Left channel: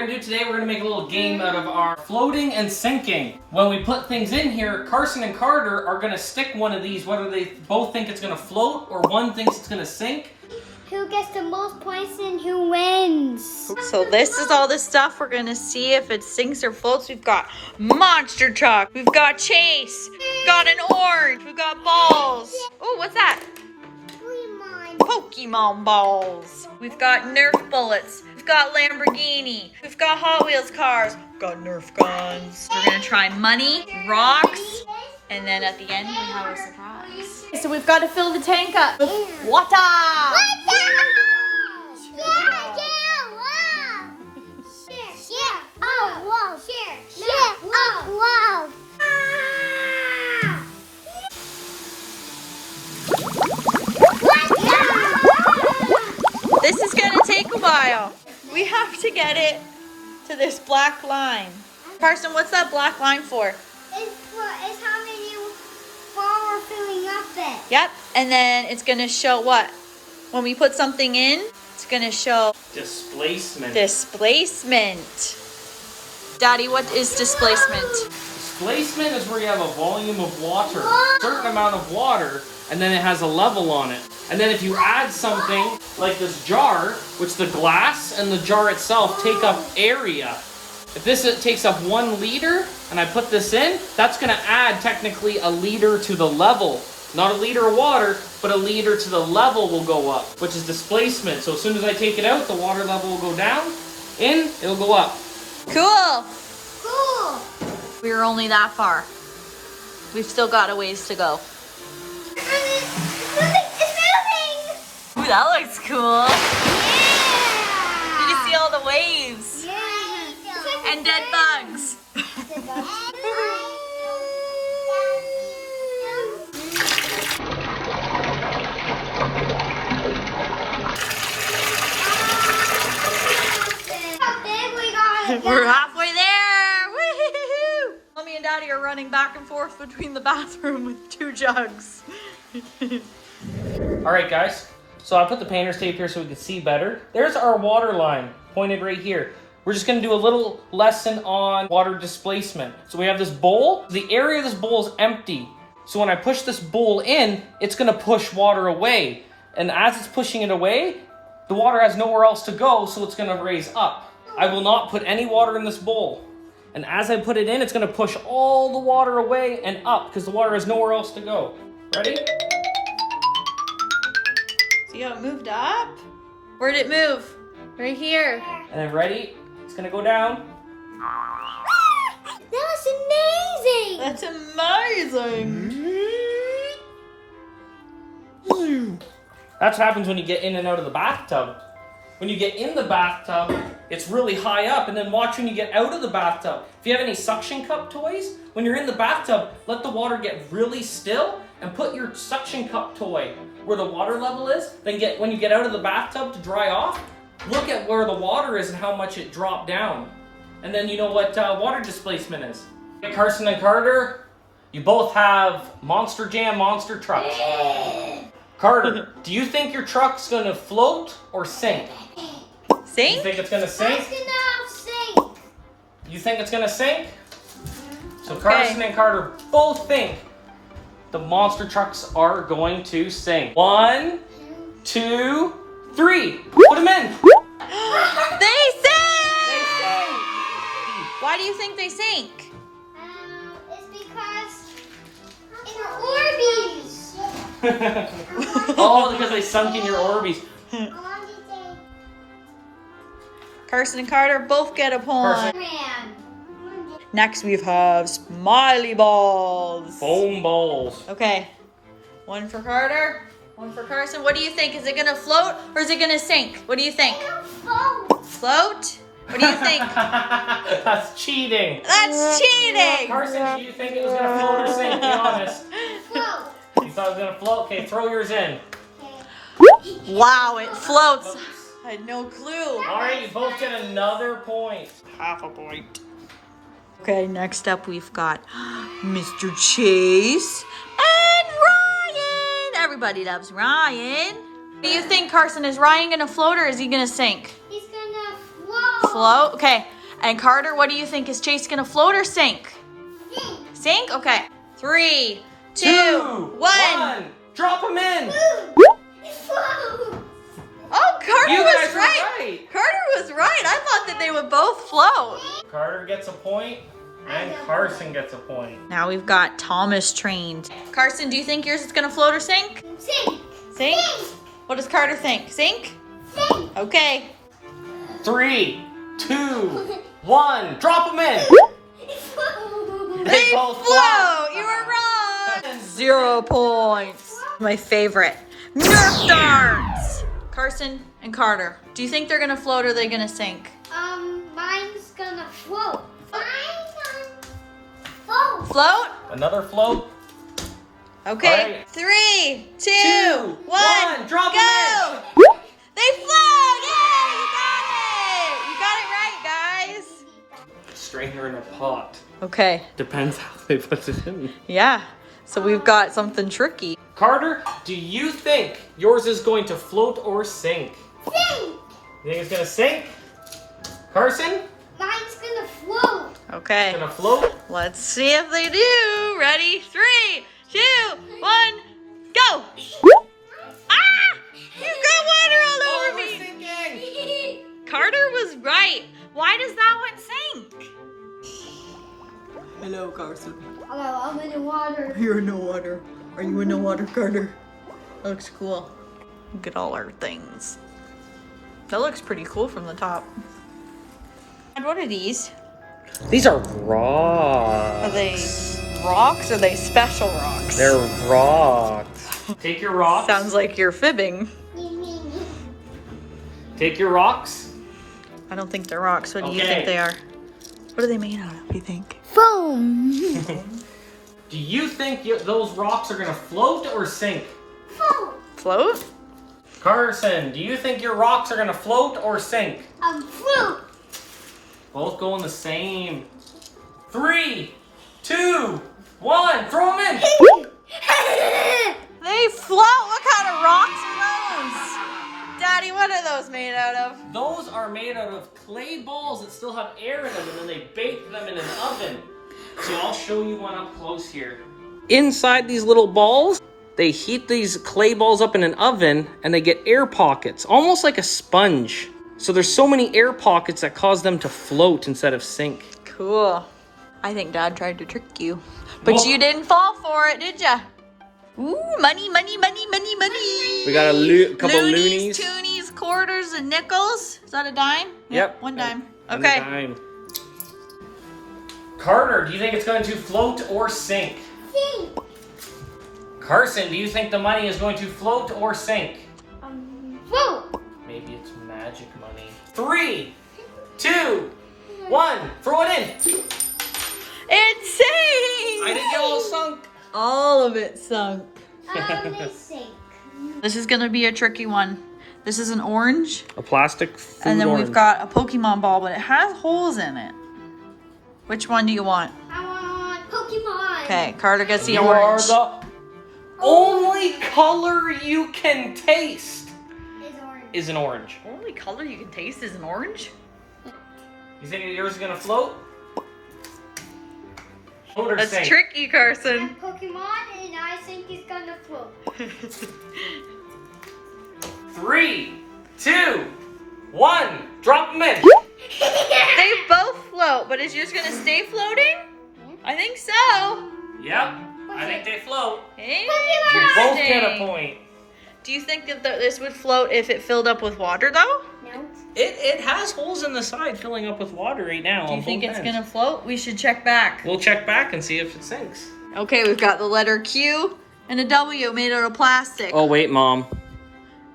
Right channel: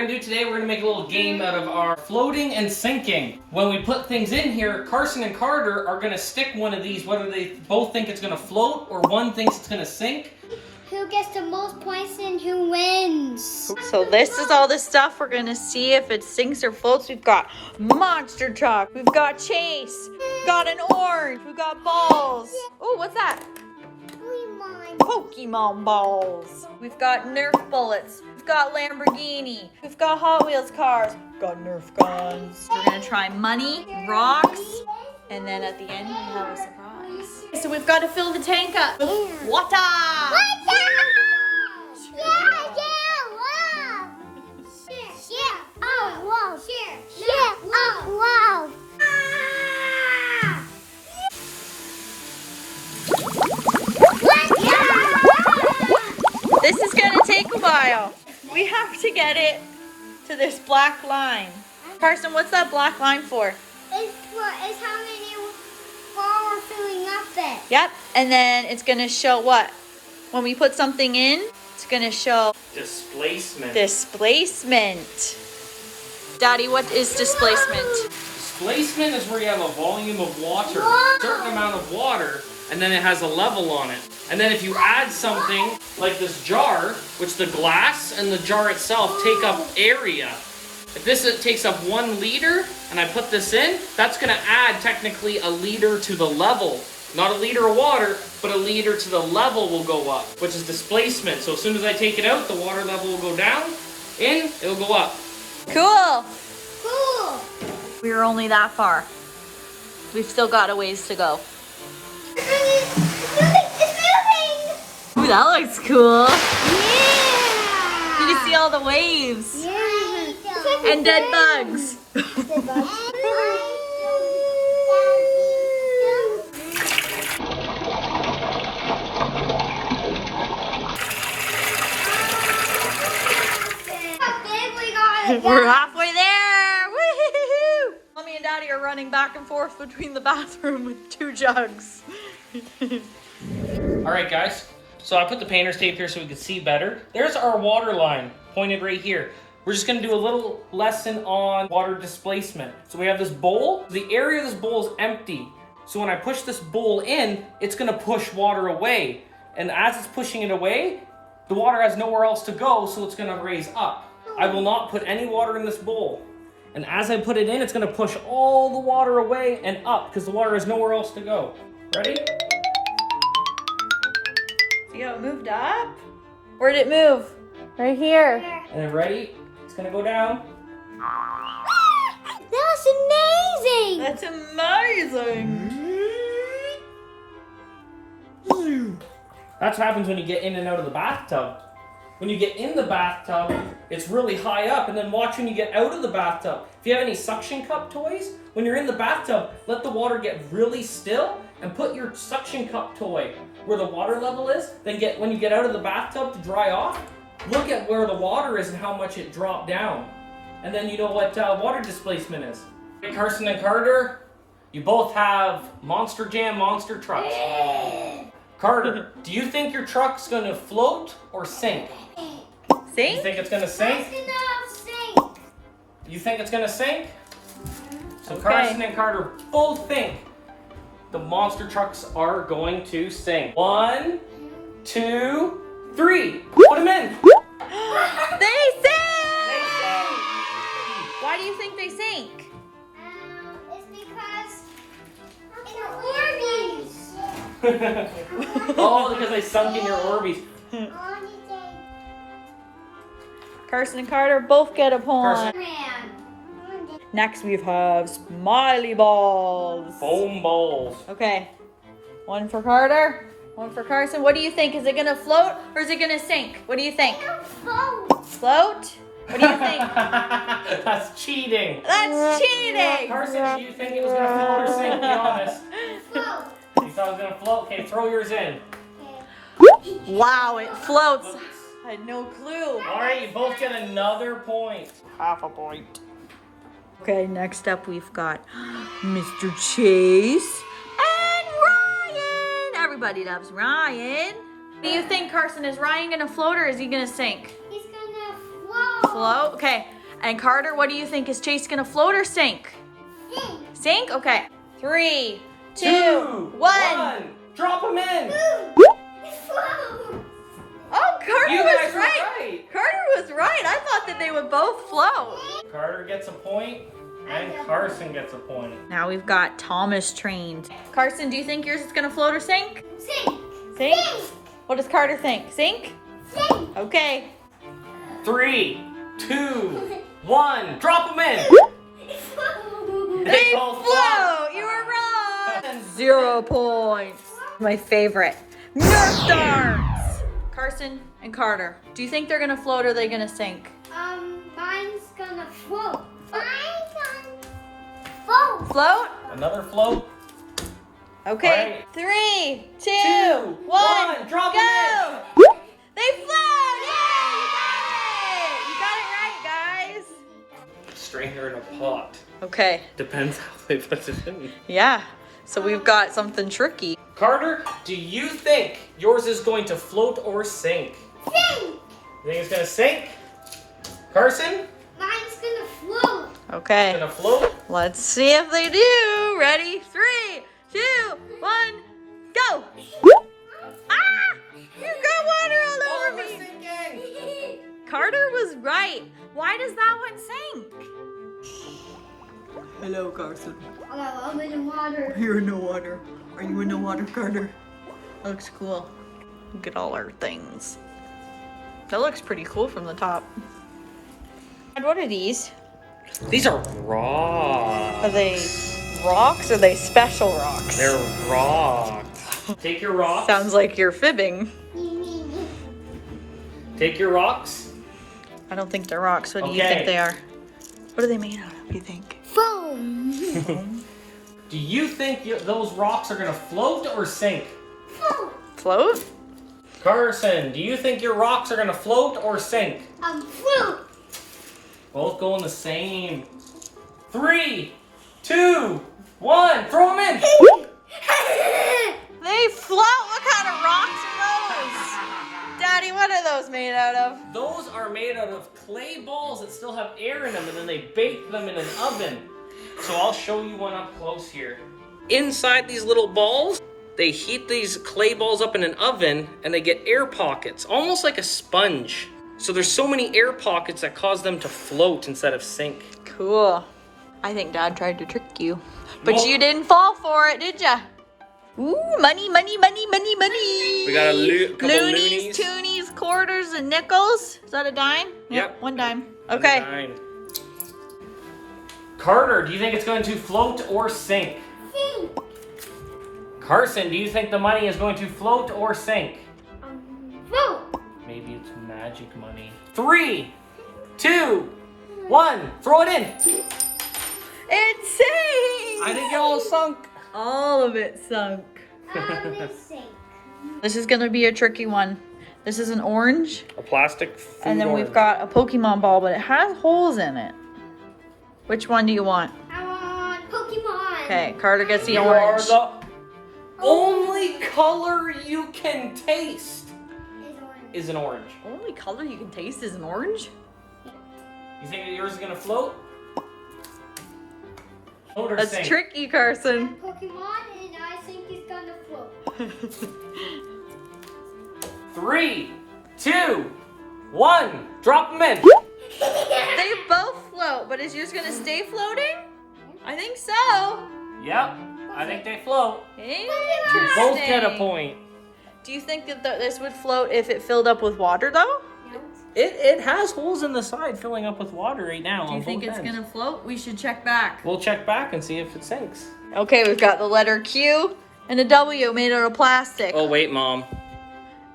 gonna do today, we're gonna make a little game out of our floating and sinking. When we put things in here, Carson and Carter are gonna stick one of these, whether they both think it's gonna float or one thinks it's gonna sink. Who gets the most points and who wins. So this is all the stuff we're gonna see if it sinks or floats. We've got monster truck, we've got chase, we've got an orange, we've got balls. Oh, what's that? Pokemon balls. We've got Nerf bullets. We've got Lamborghini. We've got Hot Wheels cars. We've got Nerf guns. We're gonna try money, rocks, and then at the end we have a surprise. So we've got to fill the tank up with water. This is gonna take a while. We have to get it to this black line. Carson, what's that black line for? It's how many while we're filling up it. Yep, and then it's gonna show what? When we put something in, it's gonna show Displacement. displacement. Daddy, what is displacement? Displacement is where you have a volume of water, a certain amount of water, and then it has a level on it. And then if you add something like this jar, which the glass and the jar itself take up area. If this takes up 1 liter and I put this in, that's gonna add technically a liter to the level. Not a liter of water, but a liter to the level will go up, which is displacement. So as soon as I take it out, the water level will go down, in, it'll go up. Cool. Cool. We were only that far. We've still got a ways to go. It's moving. That looks cool. You see all the waves and dead bugs. We're halfway there. Woo-hoo-hoo. Mommy and Daddy are running back and forth between the bathroom with 2 jugs. All right, guys. So I put the painter's tape here so we can see better. There's our water line pointed right here. We're just gonna do a little lesson on water displacement. So we have this bowl. The area of this bowl is empty. So when I push this bowl in, it's gonna push water away. And as it's pushing it away, the water has nowhere else to go, so it's gonna raise up. I will not put any water in this bowl. And as I put it in, it's gonna push all the water away and up because the water has nowhere else to go. Ready? See how it moved up? Where'd it move? Right here. And then ready? It's gonna go down. That's amazing. That's amazing. That's what happens when you get in and out of the bathtub. When you get in the bathtub, it's really high up, and then watch when you get out of the bathtub. If you have any suction cup toys, when you're in the bathtub, let the water get really still and put your suction cup toy where the water level is. Then when you get out of the bathtub to dry off, look at where the water is and how much it dropped down. And then you know what water displacement is. Hey, Carson and Carter, you both have Monster Jam monster trucks. Carter, do you think your truck's gonna float or sink? Sink? You think it's gonna sink? It's gonna sink. You think it's gonna sink? So Okay. Carson and Carter both think the monster trucks are going to sink. 1, 2, 3. Put them in. They sink! Why do you think they sink? It's because it's Orbeez. Oh, because I sunk in your Orbeez. Carson and Carter both get a point. Next we have smiley balls. Foam balls. Okay. 1 for Carter, 1 for Carson. What do you think? Is it gonna float or is it gonna sink? What do you think? Float? What do you think? That's cheating. That's cheating! Carson, do you think it was gonna float or sink? Be honest. Float. You thought it was gonna float? Okay, throw yours in. Wow, it floats. I had no clue. Alright, you both get another point. Half a point. Okay, next up we've got Mr. Chase and Ryan. Everybody loves Ryan. What do you think, Carson? Is Ryan gonna float or is he gonna sink? He's gonna float. float. Okay. And Carter, what do you think? Is Chase gonna float or sink? Sink. Sink? Okay. 3, 2, 1. Drop him in. Oh, Carter You was guys were right. right. Carter was right. I thought that they would both float. Carter gets a point, and Carson gets a point. Now we've got Thomas trained. Carson, do you think yours is gonna float or sink? Sink. Sink? What does Carter think? Sink? Sink. Okay. 3, 2, 1. Drop him in. They both float. You were wrong. 0 points. My favorite. Nerf darts. Carson and Carter. Do you think they're gonna float or are they gonna sink? Mine's gonna float. Mine's gonna float. Float? Another float. Okay. Right. 3, 2, 1. 1. Drop Go. him in. They float. Yay! You got it. You got it right, guys. Strainer in a pot. Okay. Depends how they put it in. Yeah. So we've got something tricky. Carter, do you think yours is going to float or sink? Sink. You think it's gonna sink? Carson? Mine's gonna float. Okay. Gonna float? Let's see if they do. Ready? 3, 2, 1, go. Ah! You got water all over me. Carter was right. Why does that one sink? Hello, Carson. Hello, I'm in the water. You're in the water. Are you in the water, Carter? That looks cool. Look at all our things. That looks pretty cool from the top. And what are these? These are rocks. Are they rocks or are they special rocks? They're rocks. Take your rocks. Sounds like you're fibbing. Take your rocks. I don't think they're rocks. What do you Okay. think they are? What are they made out of, you think? Foam. Do you think those rocks are gonna float or sink? Float. Float? Carson, do you think your rocks are gonna float or sink? Float. Both going the same. 3, 2, 1. Throw them in. They float. What kind of rocks are those? Daddy, what are those made out of? Those are made out of clay balls that still have air in them, and then they bake them in an oven. So I'll show you one up close here. Inside these little balls, they heat these clay balls up in an oven, and they get air pockets, almost like a sponge. So there's so many air pockets that cause them to float instead of sink. Cool. I think Dad tried to trick you. But Well- you didn't fall for it, did ya? Ooh, money, money, money, money, money. We got a couple Loonies, loonies. toonies, quarters, and nickels. Is that a dime? Yep. 1 dime. Okay. Fine. Carter, do you think it's going to float or sink? Sink. Carson, do you think the money is going to float or sink? Float. Maybe it's magic money. 3, 2, 1. Throw it in. It sank. I think it all sunk. All of it sunk. Sink. This is gonna be a tricky one. This is an orange, A plastic food and then we've got a Pokemon ball, but it has holes in it. Which one do you want? I want Pokemon. Okay, Carter gets the You orange. are the only color you can taste It's orange. is an orange. Only color you can taste is an orange? You think yours is gonna float? Float or That's sink? tricky, Carson. Pokemon, and I think it's gonna float. 3, 2, 1. Drop them in. They both float, but is yours gonna stay floating? I think so. Yep, I think they float. Interesting. Both get a point. Do you think that this would float if it filled up with water, though? No. It has holes in the side filling up with water right now. Do you think it's gonna float? We should check back. We'll check back and see if it sinks. Okay, we've got the letter Q and a W made out of plastic. Oh wait, Mom.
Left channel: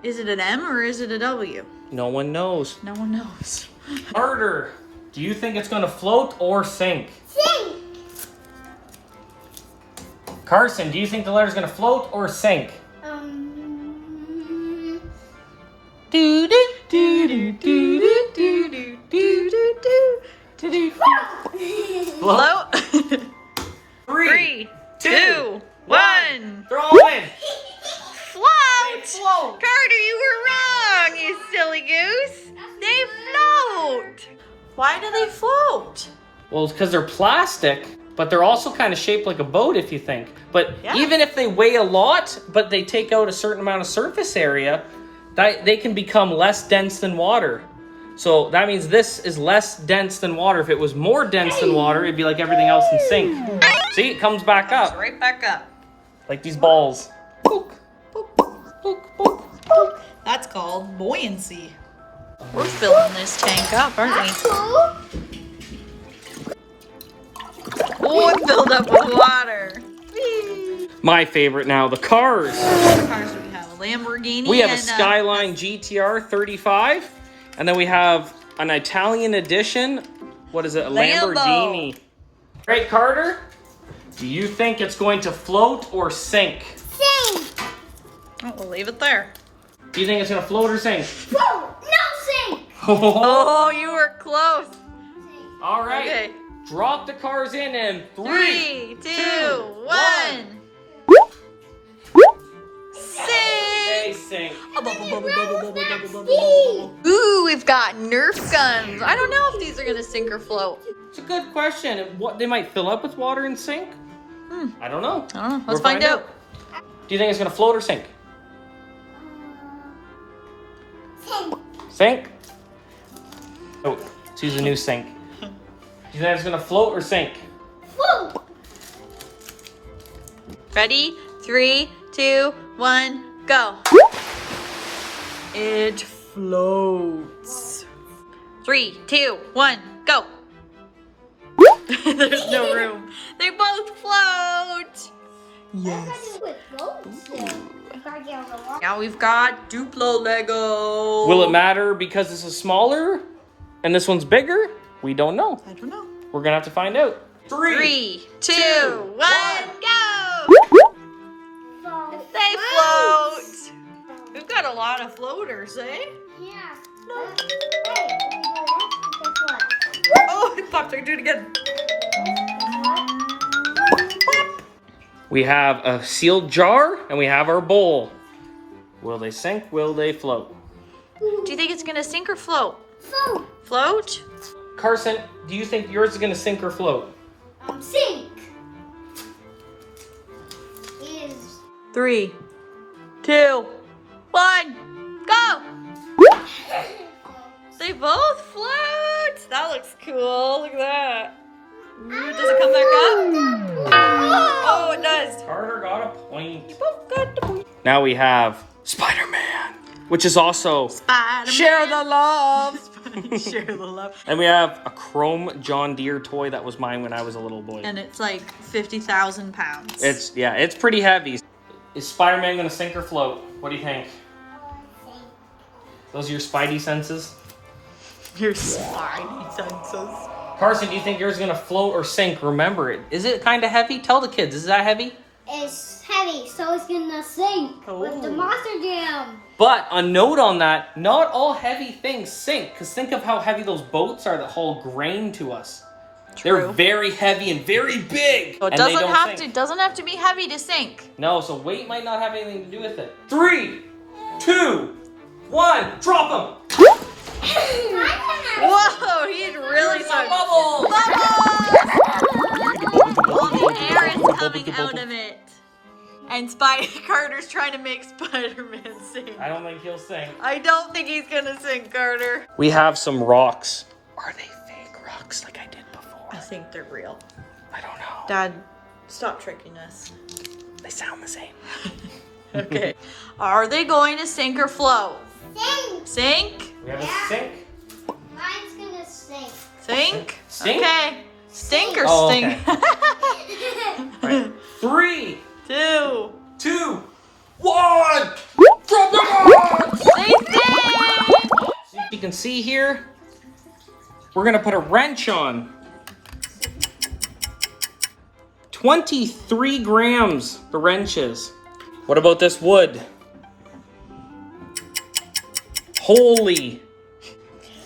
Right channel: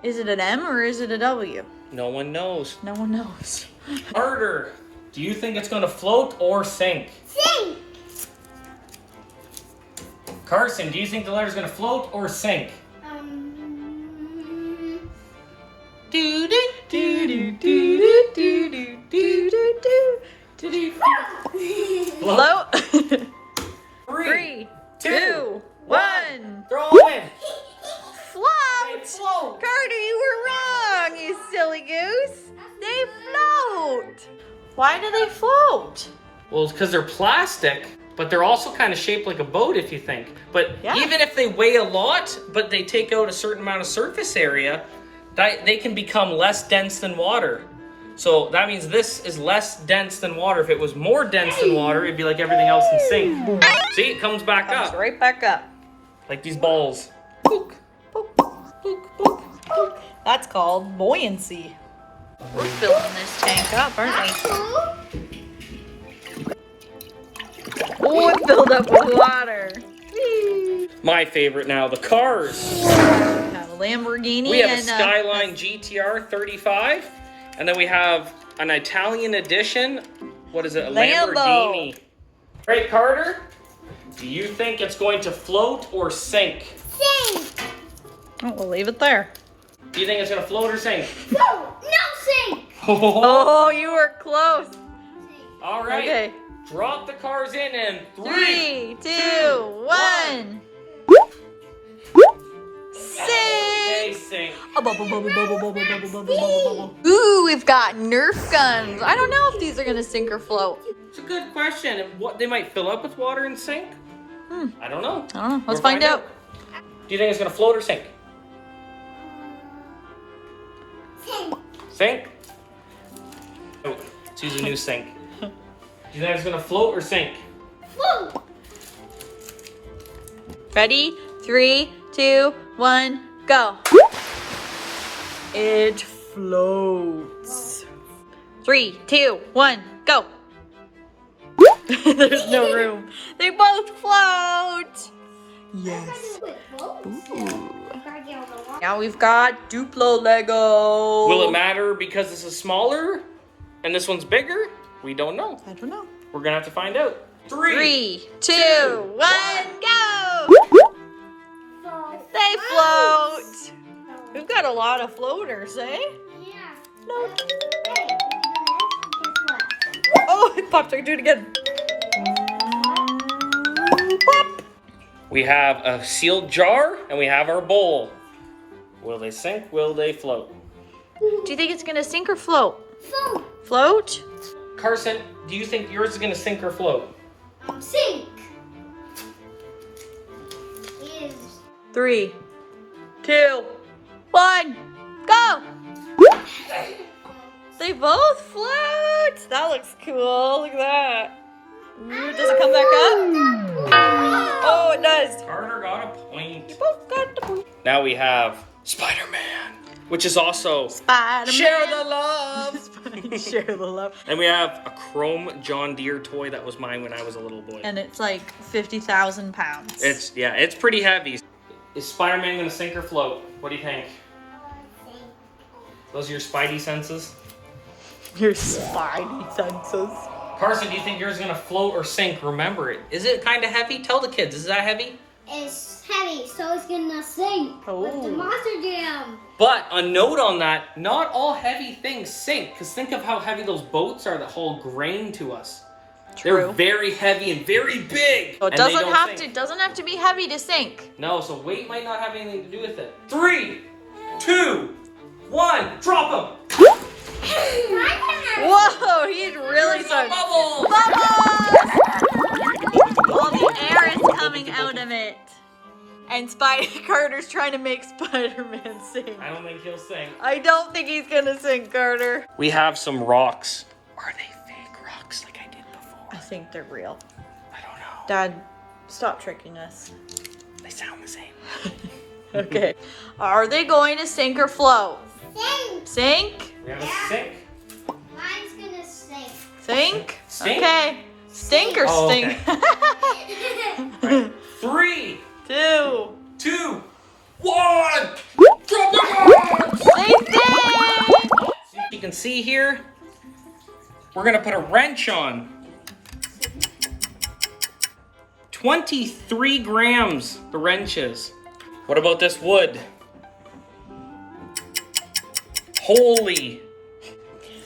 Is it an M or is it a W? No one knows. No one knows. Carter, do you think it's gonna float or sink? Sink. Carson, do you think the letter's gonna float or sink? Do do do do do do do do do do do. Float. Three, 3, 2, 1. Throw them in. Float. Float. Carter, you were wrong, you silly goose. They float. Why do they float? Well, it's because they're plastic, but they're also kind of shaped like a boat if you think. But Yeah. even if they weigh a lot, but they take out a certain amount of surface area, they can become less dense than water. So that means this is less dense than water. If it was more dense than water, it'd be like everything else and sink. See, it comes back Comes up. right back up. Like these balls. Book, book, book, book, book. That's called buoyancy. We're filling this tank up, aren't we? Oh, it filled up with water. Whee! My favorite now, the cars. What cars do we have? A Lamborghini We have a and Skyline GTR 35, and then we have an Italian edition. What is it? A Lambo. Lamborghini. Great, Carter. Do you think it's going to float or sink? Sink. Oh, we'll leave it there. Do you think it's going to float or sink? Float. No sink. Oh, you were close. All right. Okay. Drop the cars in 3, 2, 1. They Sing. sink. Ooh, we've got Nerf guns. I don't know if these are gonna sink or float. It's a good question. What, they might fill up with water and sink? I don't know. Oh, let's We'll find out. Do you think it's going to float or sink? Sink. Sink? Oh, let's use a new sink. Do you think it's going to float or sink? Float. Ready? 3, 2, 1, go. It floats. 3, 2, 1, go. There's no room. They both float. Yes. Now we've got Duplo Lego. Will it matter because this is smaller and this one's bigger? We don't know. I don't know. We're going to have to find out. 3, 2, 1, go. They float. We've got a lot of floaters, eh? Yeah. No. Hey, Oh, it popped. I can do it again. Pop. We have a sealed jar and we have our bowl. Will they sink? Will they float? Do you think it's gonna sink or float? Float. Float? Carson, do you think yours is going to sink or float? Sink. Is 3, 2, 1, go! They both float! That looks cool. Look at that. Ooh, does it come back up? Oh, it does. Carter got a point. You both got the point. Now we have Spider-Man, which is also Spider-Man. Share the love. Share the love. And we have a chrome John Deere toy that was mine when I was a little boy. And it's like 50,000 pounds. It's pretty heavy. Is Spider-Man gonna sink or float? What do you think? Those are your spidey senses? Your spidey senses. Carson, do you think yours is gonna float or sink? Remember it. Is it kind of heavy? Tell the kids, is that heavy? it's heavy, so it's gonna sink with the Oh. monster jam. But a note on that, not all heavy things sink, because think of how heavy those boats are that haul grain to us. They're True. very heavy and very big. So it and they doesn't don't have sink. doesn't have to be heavy to sink. No, so weight might not have anything to do with it. 3, 2, 1, drop them. Whoa, he's really starting. Bubble. Bubbles! All the air is coming out of it. And Carter's trying to make Spider-Man sing. I don't think he'll sink. I don't think he's gonna sing, Carter. We have some rocks. Are they fake rocks like I did before? I think they're real. I don't know. Dad, stop tricking us. They sound the same. Okay. Are they going to sink or float? Sink. Sink? We have a sink. Mine's gonna sink. Sink? Stink? Okay. Stink or Oh, stink? 3, 2. 2, 1, drop them. They stink! See if you can see here. We're gonna put a wrench on. 23 grams, the wrench is. What about this wood? Holy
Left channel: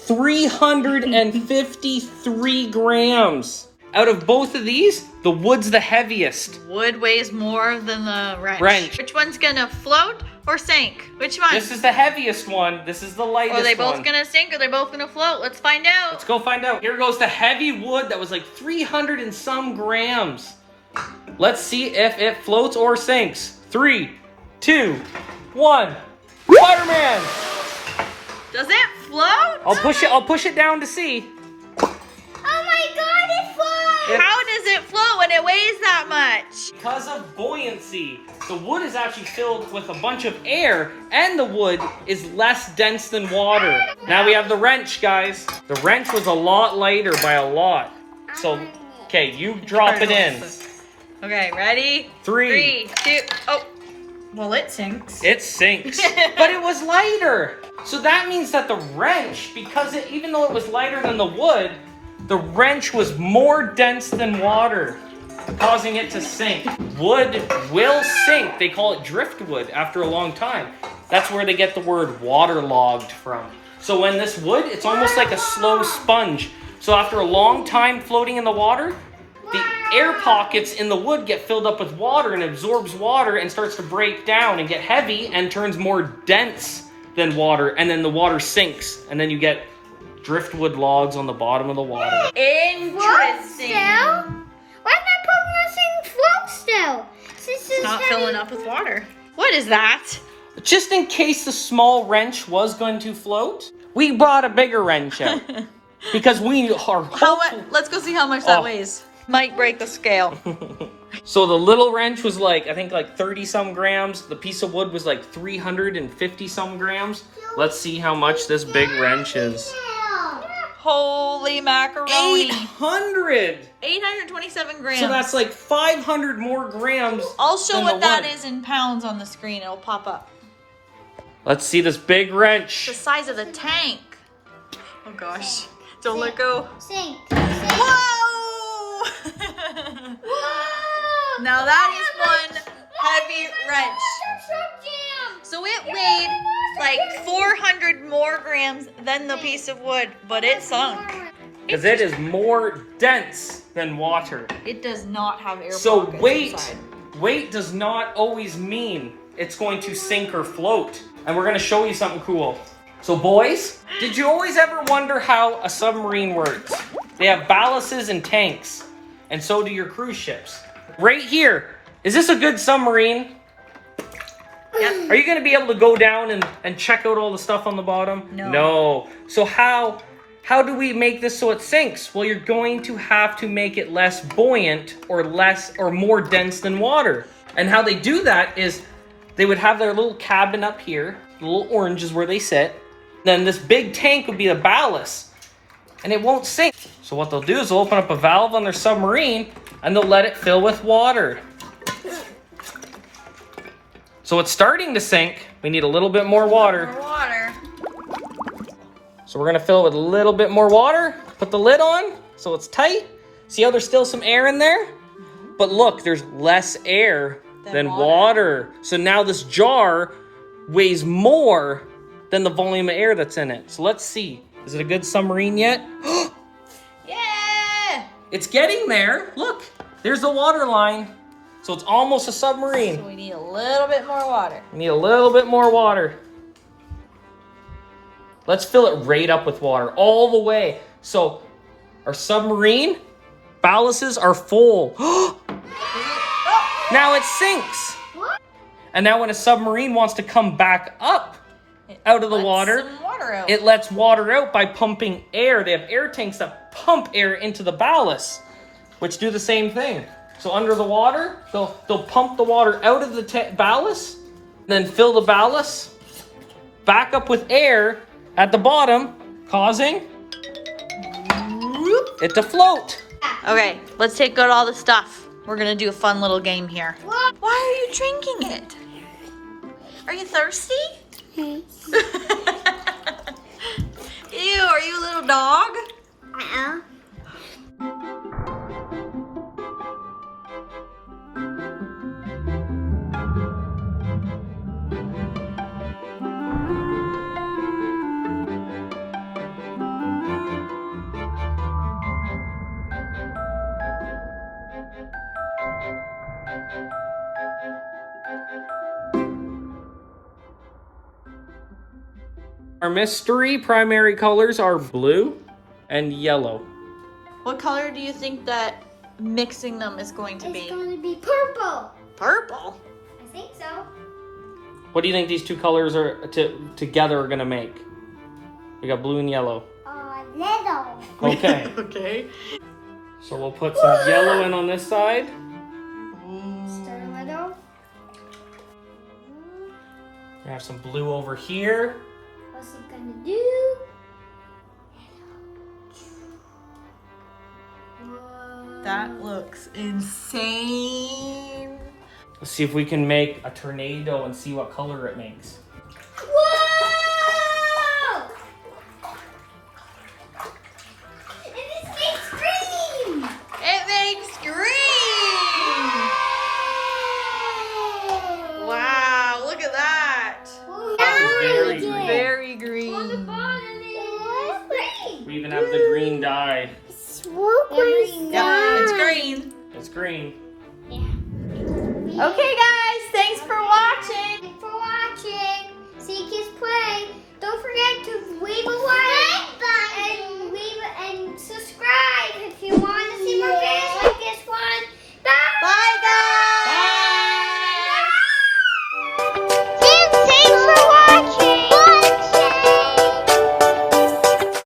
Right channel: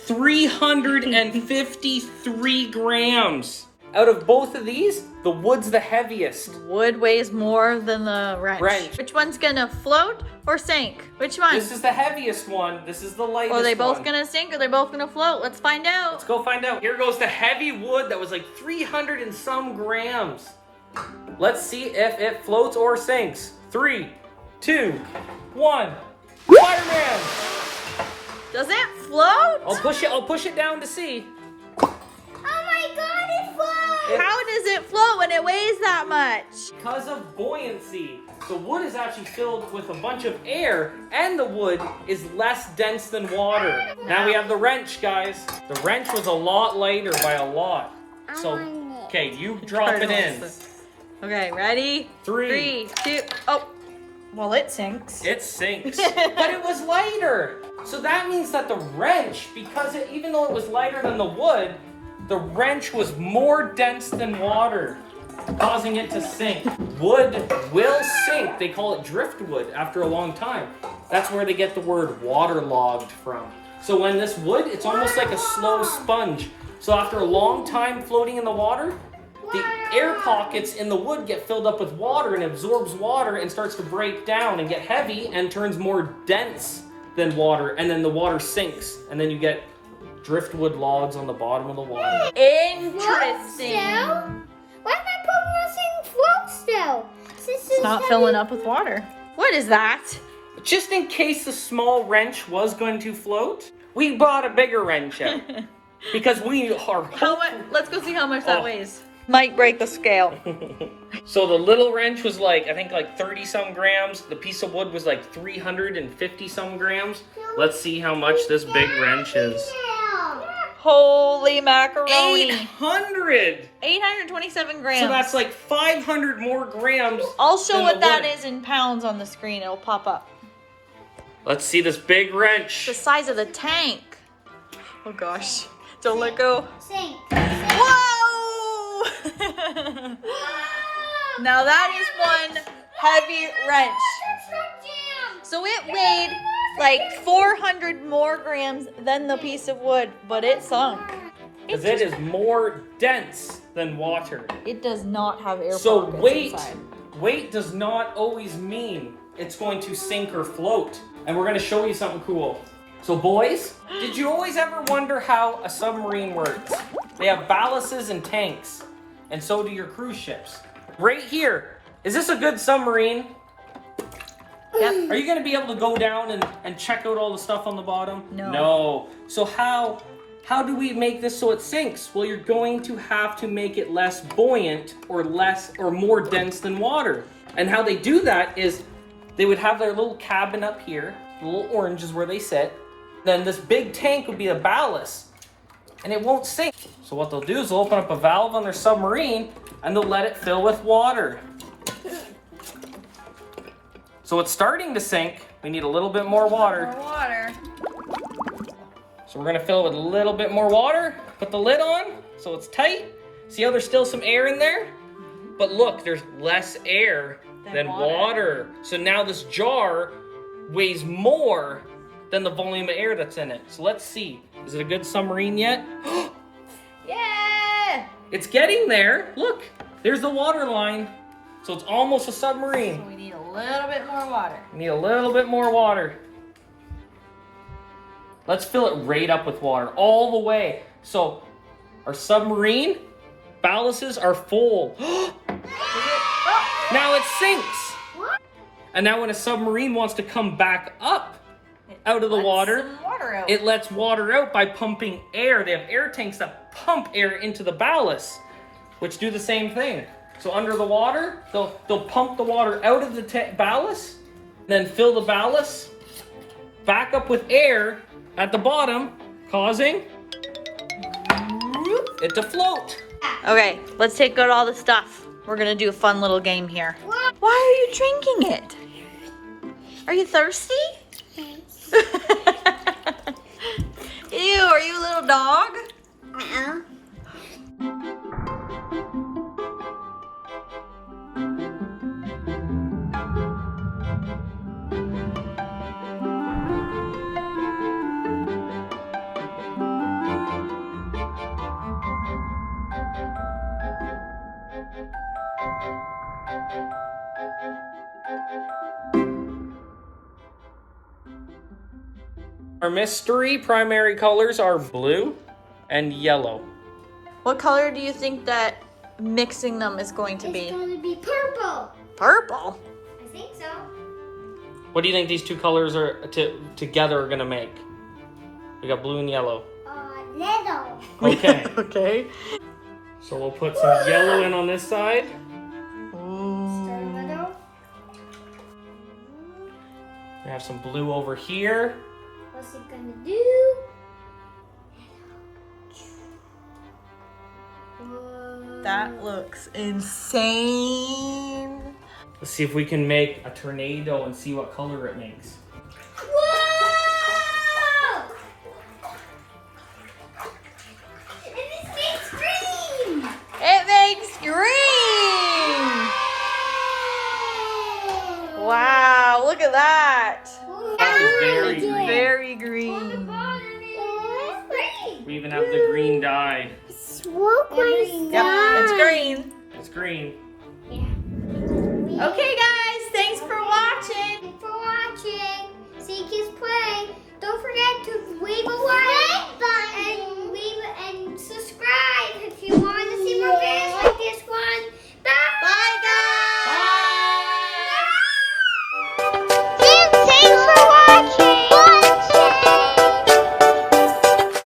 353 grams. Out of both of these, the wood's the heaviest. Wood weighs more than the wrench. Which one's gonna float or sink? Which one? This is the heaviest one. This is the lightest one. Are they both gonna sink or are they both gonna float? Let's find out. Let's go find out. Here goes the heavy wood that was like 300 and some grams. Let's see if it floats or sinks. 3, 2, 1. Spider-Man! Does it float? I'll push it down to see. Oh my God, it flew! How does it float when it weighs that much? Because of buoyancy. The wood is actually filled with a bunch of air, and the wood is less dense than water. Now we have the wrench, guys. The wrench was a lot lighter by a lot. So, okay, you drop it in. Okay, ready? 3, 2, oh. Well, it sinks. It sinks. But it was lighter. So that means that the wrench, because even though it was lighter than the wood, the wrench was more dense than water, causing it to sink. Wood will sink. They call it driftwood after a long time. That's where they get the word waterlogged from. So when this wood, it's almost like a slow sponge. So after a long time floating in the water, the air pockets in the wood get filled up with water and absorbs water and starts to break down and get heavy and turns more dense than water, and then the water sinks, and then you get driftwood logs on the bottom of the water. Interesting. Why is my Pokemon saying float still? It's not filling up with water. What is that? Just in case the small wrench was going to float, we brought a bigger wrench out. Because we are How much? Let's go see how much that weighs. Might break the scale. So the little wrench was like, I think like 30 some grams. The piece of wood was like 350 some grams. Let's see how much this big wrench is. Holy macaroni. 800! 827 grams. So that's like 500 more grams. I'll show than what the that wood. is in pounds on the screen. It'll pop up. Let's see this big wrench. The size of the tank. Oh gosh. Don't let go. Sink. Whoa! Now that is one heavy wrench. So it weighed like 400 more grams than the piece of wood, but it sunk. Because it is more dense than water. It does not have air So pockets weight, inside. weight does not always mean it's going to sink or float. And we're going to show you something cool. So boys, did you always ever wonder how a submarine works? They have ballasts and tanks, and so do your cruise ships. Right here, is this a good submarine? Yep. Are you going to be able to go down and check out all the stuff on the bottom? No. No. So how do we make this so it sinks? Well, you're going to have to make it less buoyant or more dense than water. And how they do that is they would have their little cabin up here. The little orange is where they sit. Then this big tank would be the ballast, and it won't sink. So what they'll do is they'll open up a valve on their submarine and they'll let it fill with water. So it's starting to sink. We need a little bit more water. More water. So we're gonna fill it with a little bit more water, put the lid on so it's tight. See how there's still some air in there? But look, there's less air than water. So now this jar weighs more than the volume of air that's in it. So let's see. Is it a good submarine yet? Yeah! It's getting there. Look, there's the water line. So it's almost a submarine. So we need a little bit more water. We need a little bit more water. Let's fill it right up with water, all the way. So our submarine ballasts are full. Now it sinks. And now when a submarine wants to come back up out of the water, Some water out. it lets water out by pumping air. They have air tanks that pump air into the ballast, which do the same thing. So under the water, they'll pump the water out of the ballast, then fill the ballast back up with air at the bottom, causing it to float. Okay, let's take out all the stuff. We're gonna do a fun little game here. Why are you drinking it? Are you thirsty? Ew, are you a little dog? Our mystery primary colors are blue and yellow. What color do you think that mixing them is going to It's be? going to be purple. Purple. I think so. What do you think these two colors are together are gonna make? We got blue and yellow. Little. Okay. Okay. So we'll put some yellow in on this side. Start little. We have some blue over here. What's it gonna do? Whoa. That looks insane. Let's see if we can make a tornado and see what color it makes. Whoa! And this makes green. It makes green. Wow, look at that. That is very Nice. green. Very On the green. bottom is green. We even have the green dye. Yep, it's green. It's green. Okay, guys, thanks for watching. Thanks for watching. See Kids Play. Don't forget to leave a like.